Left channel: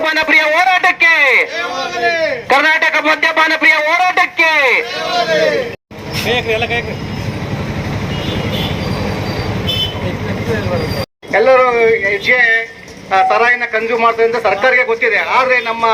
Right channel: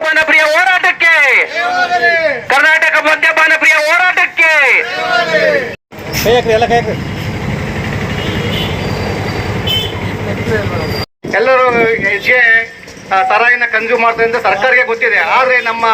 ಪ್ರಿಯ ಹೋರಾಟಕ್ಕೆ. ಕರ್ನಾಟಕ ಮದ್ಯಪಾನ ಪ್ರಿಯ ಹೋರಾಟಕ್ಕೆ. ಎಲ್ಲರೂ ಹೆಜ್ಜೆ ತರಾಯಿನ ಕನ್ಸ್ಯೂಮ್ ಮಾಡ್ತಾರೆ ಅಂತ ಸರ್ಕಾರಕ್ಕೆ ಗೊತ್ತಿದೆ. ಆದ್ರೆ ನಮ್ಮ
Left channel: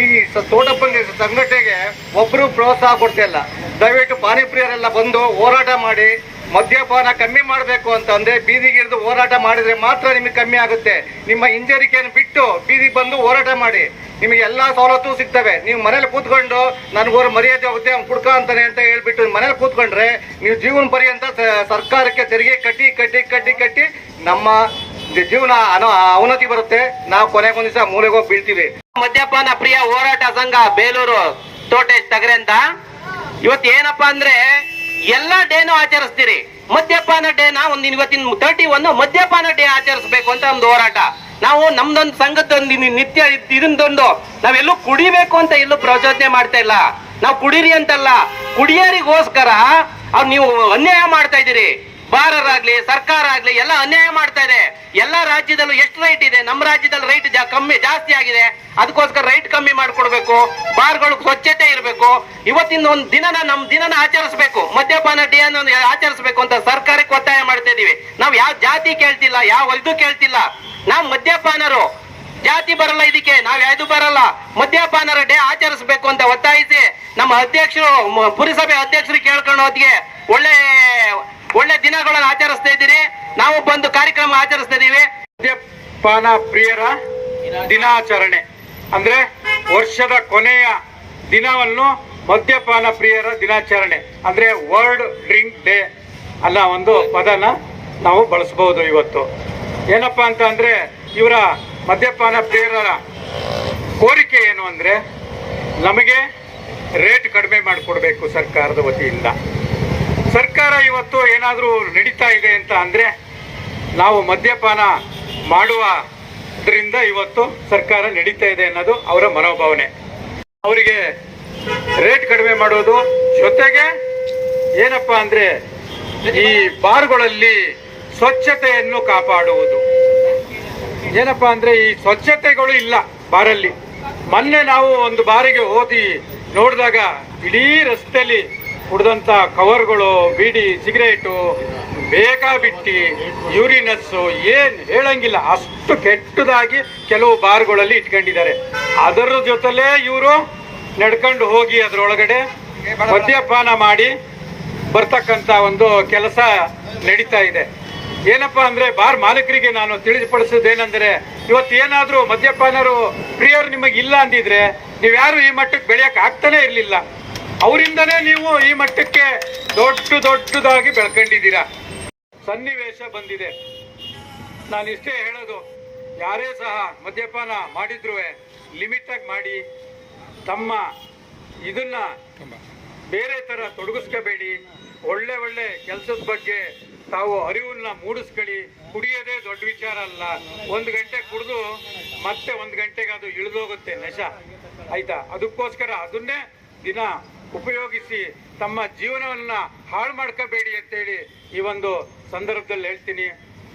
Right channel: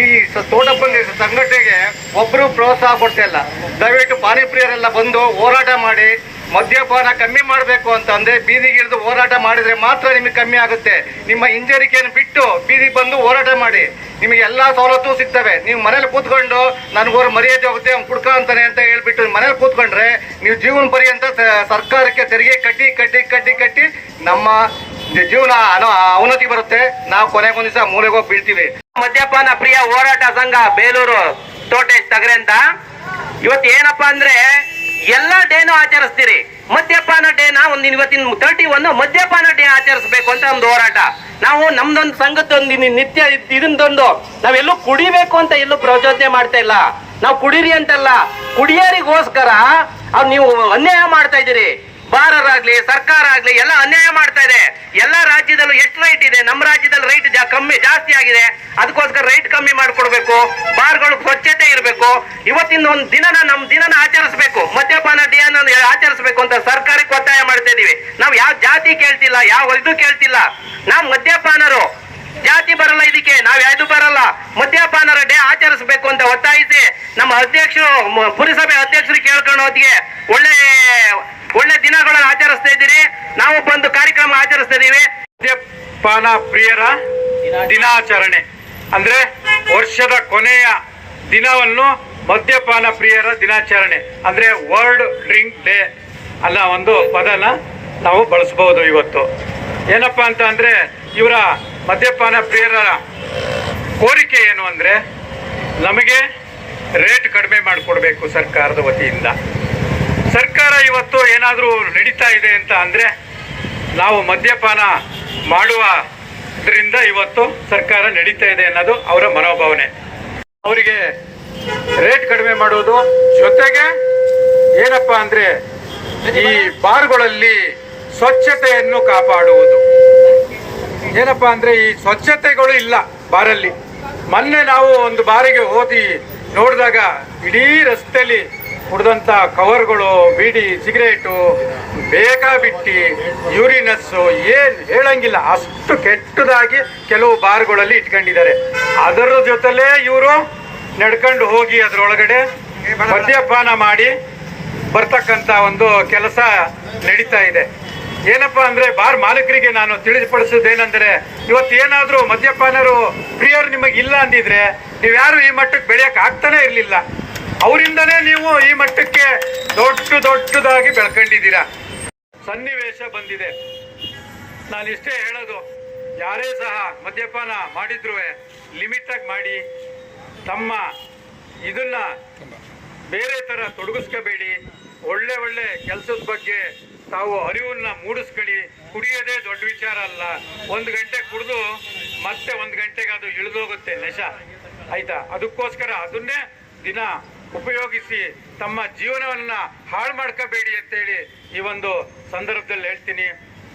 ಈ ತೋಟಪಲ್ಲಿ ಸಂಘಟನೆಗೆ ಒಬ್ರು ಪ್ರೋತ್ಸಾಹ ಕೊಡ್ತಿಲ್ಲ ದಯವಿಟ್ಟು ಪಾನಿಪ್ರಿಯರೆಲ್ಲ ಬಂದು ಹೋರಾಟ ಮಾಡಿ. ಮದ್ಯಪಾನ ಕಮ್ಮಿ ಮಾಡಬೇಕು ಅಂತ ಅಂದ್ರೆ ಬೀದಿಗಿಳಿದು ಹೋರಾಟ ಮಾಡಿದ್ರೆ ಮಾತ್ರ ನಿಮಗೆ ಕಮ್ಮಿ ಆಗುತ್ತೆ. ನಿಮ್ಮ ಹಿಂಜರಿಕೆಯನ್ನು ಬಿಟ್ಟು ಬೀದಿಗೆ ಬಂದು ಹೋರಾಟ ಮಾಡಿ. ನಿಮಗೆ ಎಲ್ಲಾ ಸವಲತ್ತು ಸಿಗ್ತವೆ. ನೀವು ಮನೇಲಿ ಕೂತ್ಕೊಂಡು ನನಗೋರು ಮರ್ಯಾದೆ ಹೋಗುತ್ತೆ, ಅವ್ನು ಕುಡ್ಕ ಅಂತಾನೆ ಅಂತ ಹೇಳ್ಬಿಟ್ಟು ಮನೇಲಿ ಕೂತ್ಕೊಂಡ್ರೆ ನೀವು ಜೀವನ ಪರ್ಯಂತ ಸರ್ಕಾರಕ್ಕೆ ತೆರಿಗೆ ಕಟ್ಟಿ ಕಟ್ಟಿ ಕಟ್ಟಿ ಕಟ್ಟಿ ನಮ್ಮ ಜೀವನ ಅವನತಿ ಬರುತ್ತೆ. ನಾವು ಕೊನೆಗೊಂದು ದಿವಸ ಮೂಲೆಗೆ ಹೋಗಿ ಬೀಳ್ತೀವಿ. ಮದ್ಯಪಾನ ಪ್ರಿಯ ಹೋರಾಟ ಸಂಘ ಬೇಲೂರು, ತೋಟೇಶ್ ತಗರೆ ಅಂತ. ಇವತ್ತು ಏನಪ್ಪಾ ಅಂದ್ರೆ ಎಲ್ಲಾ ಡೇನು ಆಚರಿಸ್ತೀರಿ. ಇವತ್ತಿನ ತರ್ಟಿ ಒನ್ ಮದ್ಯಪಾನ ಡೇ ಆಚರಿಸಬೇಕು ಅಂತ ಒಂದು ಹೋರಾಟ. ನಾವು ನಮ್ದೊಂದು ಸಂಘದೊಂದು ನಿತ್ಯ ಇದನ್ನ ತಂದು ನಾವೆಲ್ಲೂ ಕುಡಿಬೇಕು ಅಂತ ಎಲ್ಲೂ ಪ್ರಚೋದನೆ ಮಾಡ್ತಾ ಇಲ್ಲ. ನಾವು ಕುಡೀರಿ ಅಂತಲ್ಲ, ಕುಡಿಯರಿಗೋಸ್ಕರ ಅವ್ರು ನೀವು ಅನ್ಯಾಯ ಮಾಡ್ತಾ ಇದ್ದೀರಿ. ಬಾರರಾಗ್ಲಿ ಸರ್ಕಾರ ಆಗ್ಲಿ, ಎಲ್ಲ ಅನ್ಯಾಯ ಮಾಡ್ತಾ ಇದೆ. ಎಲ್ಲ ರಾಜ್ಯದಲ್ಲೂ ಎಷ್ಟು ರೈಟ್ ಇದೆ? ನಮ್ಮ ರಾಜ್ಯದಲ್ಲಿ ರೈಟ್ ಕಮ್ಮಿ, ಜಾಸ್ತಿ ಆಗಿದೆ. ಅದಕ್ಕೋಸ್ಕರ ರೈಟ್ ಕಮ್ಮಿ ಮಾಡ್ಕೊಡ್ಬೇಕು. ಬಾರ್ಗಳು ಸ್ವಚ್ಛತೆ ಇರಬೇಕು. ಇವತ್ತಿನ ಒಂದು ದಿನನ ನಮ್ ದಿನನ ಆಚರಿಸಬೇಕು. ಮದ್ಯಪಾನ ಡೇ ಅನ್ನ ಆಚರಿಸಬೇಕು ಅಂತ ಸರ್ಕಾರಕ್ಕೆ ಒತ್ತಾಯ ಮಾಡ್ತಾ ಇದೀವಿ ನಾವು ಯಾವ ಜಾತಿ ಕೇಳ್ತಿಲ್ಲ ಯಾವ ಕೇಳ್ತಿಲ್ಲ. ನಾವು ಮದ್ಯಪಾನರು. ಜಾತಿ ಬರಲ್ಲ ಇದಕ್ಕೆ, ನಾವ್ ಯಾವ್ದು ಬರಲ್ಲ. ಮದ್ಯಪಾನರ ಡೇ ಆಚರಿಸಬೇಕು ಅಂತ ಒತ್ತಾಯಿಸಿ ನಮ್ಮ ಅಧ್ಯಕ್ಷರು ಪುರಸಭೆ ಅಧ್ಯಕ್ಷರು ಕೇಳ್ಕೊಂಡು ಹೊತ್ತಿಗೆ ಒಳ್ಳೆ ಒಳ್ಳೆ ದಿನಗಳನ್ನ ಆಚರಿಸ್ತಾ ಇದ್ದೀರಿ. ನಾವು ಬಂದು ಕಾರ್ಯಕ್ರಮ ಆಚರಿಸ್ತಾ ಇದೀವಿ ಮದ್ಯಪಾನ ಪ್ರಿಯರ ದಿನಾಚರಣೆ. ಅಂದ್ರೆ ವರ್ಷದ ಕೊನೆಯ ದಿನವನ್ನು ಮದ್ಯಪಾನ ಪ್ರಿಯರ ದಿನಾಚರಣೆ. ಅಂದ್ರೆ ವರ್ಲ್ಡ್ ಡ್ರಿಂಕ್ ಡೇ ಅಲ್ಲ ಒಂದು ಪದನ ನಾವು ಬಳಸಬಹುದು ಇವತ್ತು. ಏನಪ್ಪಾ ಅಂತ ಅಂದ್ರೆ ಇವರ ಮದ್ಯಪಾನ ಪ್ರಿಯರ ಕೋರಿಕೆ ಏನು ಅಂದ್ರೆ ನಮಗೆ ರೇಟ್ ಕಡಿಮೆ ಮಾಡಿಕೊಡ್ಬೇಕು ಸರ್ಕಾರದ ವತಿಯಿಂದ. ಸರ್ಕಾರ ಇವತ್ತು ಏನಾದರೂ ನಡೀತಾ ಇದೆ ಅಂತ ಅಂದ್ರೆ ನಾವು ಮದ್ಯಪಾನ ಮಾಡುವುದರಿಂದ ಇವತ್ತು ಸರ್ಕಾರ ನಡೀತಾ ಇದೆ ಅನ್ನೋದು ಅವರ ಮನೋಭಾವನೆ. ಅವರಿಗೆ ರೇಟ್ ಕಡಿಮೆ ಮಾಡುವುದು ಜೊತೆಗೆ ಏನಪ್ಪಾ ಅಂದ್ರೆ ಈ ಬಾರ್ಗಳಲ್ಲಿ ಸ್ವಚ್ಛತೆಯನ್ನು ಕಾಪಾಡುವುದು. ಏನಪ್ಪಾ ಅಂದ್ರೆ ಈ ಸ್ವಚ್ಛತೆಗಳು ಇಲ್ಲ ಬಾರಲ್ಲಿ. ಮೊನ್ನೆ ನಾವು ಒಂದು ಬಾರಿಗೆ ಓದಿ ನೋಡಿದಾಗ ಇಡೀ ರಸ್ತೆಯಲ್ಲಿ ಕುಡ್ದಂತ ಕವರ್ಗಳು, ಬೀಡಿ, ಸಿಗರೇಟು, ಬೇಕಾಬಿಟ್ಟಿ, ಯೂರಿನಸ್ಸು, ಏನ್ ಹೇಳಂಗಿಲ್ಲ. ಅಷ್ಟು ಕೆಟ್ಟದಾಗಿ ಕೆಲವು ಬಾರ್ಗಳಲ್ಲಿ ಇಟ್ಕೊಂಡಿದ್ದಾರೆ. ಅದರ ಜೊತೆಲೇ ಇವರು ನಡ್ಕೊಂಡು ಹೋಗಿ ಅದರೊಳಗಡೆ ಮದ್ಯಪಾನ ಮಾಡಿ ಬರ್ತಕ್ಕಂತ ಒಂದು ಕೆಲಸ ನಡೀತಾ ಇದೆ. ಏನಪ್ಪಾ ಅಂದ್ರೆ ಬಾರ್ ಮಾಲೀಕರಿಗೆ ನಾನು ತಿಳಿಪಡಿಸೋದೇನೆಂದ್ರೆ ಇವತ್ತು ಏನಾದರೂ ಮದ್ಯಪಾನರು ಪ್ರಿಯರು ನಿಮಗೆ ಇಲ್ಲ ಅಂದಿದ್ರೆ ನೀವ್ಯಾರು ಈ ಮಟ್ಟಕ್ಕೆ ಬೆಳೆಯಕ್ ಆಗ್ತಾನೆ ಇರಲಿಲ್ಲ. ಅವರಿಂದನೇ ನೀವು ಈ ಮಟ್ಟಕ್ಕೆ ದೊಡ್ಡ ದೊಡ್ಡದಾಗಿ ಬೆಳ್ಕೊಂಡಿದ್ದೀರಾ. ಸನ್ನಿವೇಶ ಬಂದಿದೆ. ನಾನು ಇಷ್ಟೇ ಹೇಳೋದು ಯಾರೇ ಸಹ ಮದ್ಯಪಾನ ಮಾಡಿದ್ರು ಲಿಮಿಟ್ ಆಗಿ ಮಾಡಿ ತಮ್ಮ ಇದನ್ನ ಬೇರೆ ತರ ತೊಡಗಿಸ್ಕೋಬೇಡಿ ಒಳ್ಳೆ ಒಳ್ಳೆ ಕೆಲಸದ ಬಗ್ಗೆ ತಾವು ಅರಿವನ್ನ ಮೂಡಿಸ್ಕೊಳ್ಳಿ. ಕುಡಿಯೋದೇ ದೊಡ್ಡ ವಿಚಾರ ಅಲ್ಲ. ಒಂದು ಗಂಟೆ ಕುಡಿದು ಮತ್ತೆ ಒಂದು ಗಂಟೆಗೆ ಅದು ಇಳಿದೋಗುತ್ತೆ ನಶ. ಆಯ್ತಾ? ಅದಕ್ಕೋಸ್ಕರ ಅದನ್ನೇ ದಿನ ಉಪಯೋಗಿಸಿ ತಮ್ಮ ಜೀವನವನ್ನ ಹಾಳು ಮಾಡ್ಕೋಬೇಡಿ ಅಂತೇಳಿ ಈ ಒಂದು ಸಂದರ್ಭದಲ್ಲಿ ಹೇಳ್ತೀನಿ.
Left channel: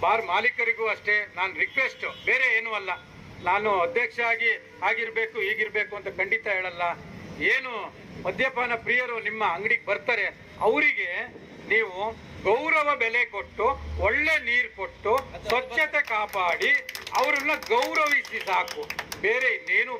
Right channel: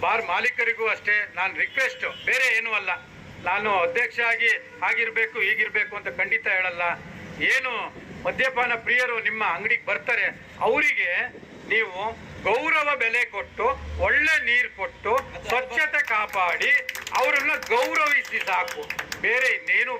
ಬಾರ್ ಮಾಲೀಕರಿಗೂ ಅಷ್ಟೇ, ನಾನು ರಿಕ್ವೆಸ್ಟ್ ಬೇರೆ ಏನೂ ಅಲ್ಲ. ನಾನು ಅಧ್ಯಕ್ಷ ಆಗಿ ಆಗಿರ್ಬೇಕು ಹೀಗಿರ್ಬೇಕು ಅಂತ ಖಂಡಿತ ಹೇಳಲ್ಲ. ಏನು ಮದ್ಯಪಾನ ಪ್ರಿಯರು ನಿಮ್ಮ ಅಂಗಡಿಗೆ ಬರ್ತಾರೆ, ಅವರಿಗೆ ನೀವು ಗೌರವ ಬೆಲೆ ಕೊಟ್ಟು ಒಳ್ಳೆ ನೀರು ಕೊಟ್ಟು ಸ್ವಚ್ಛತೆ ಕಾಪಾಡಿ ಅವರನ್ನ ಗೌರವಿಸಿ ಸಾಕು. ಬೇರೆ ಇನ್ನೇನು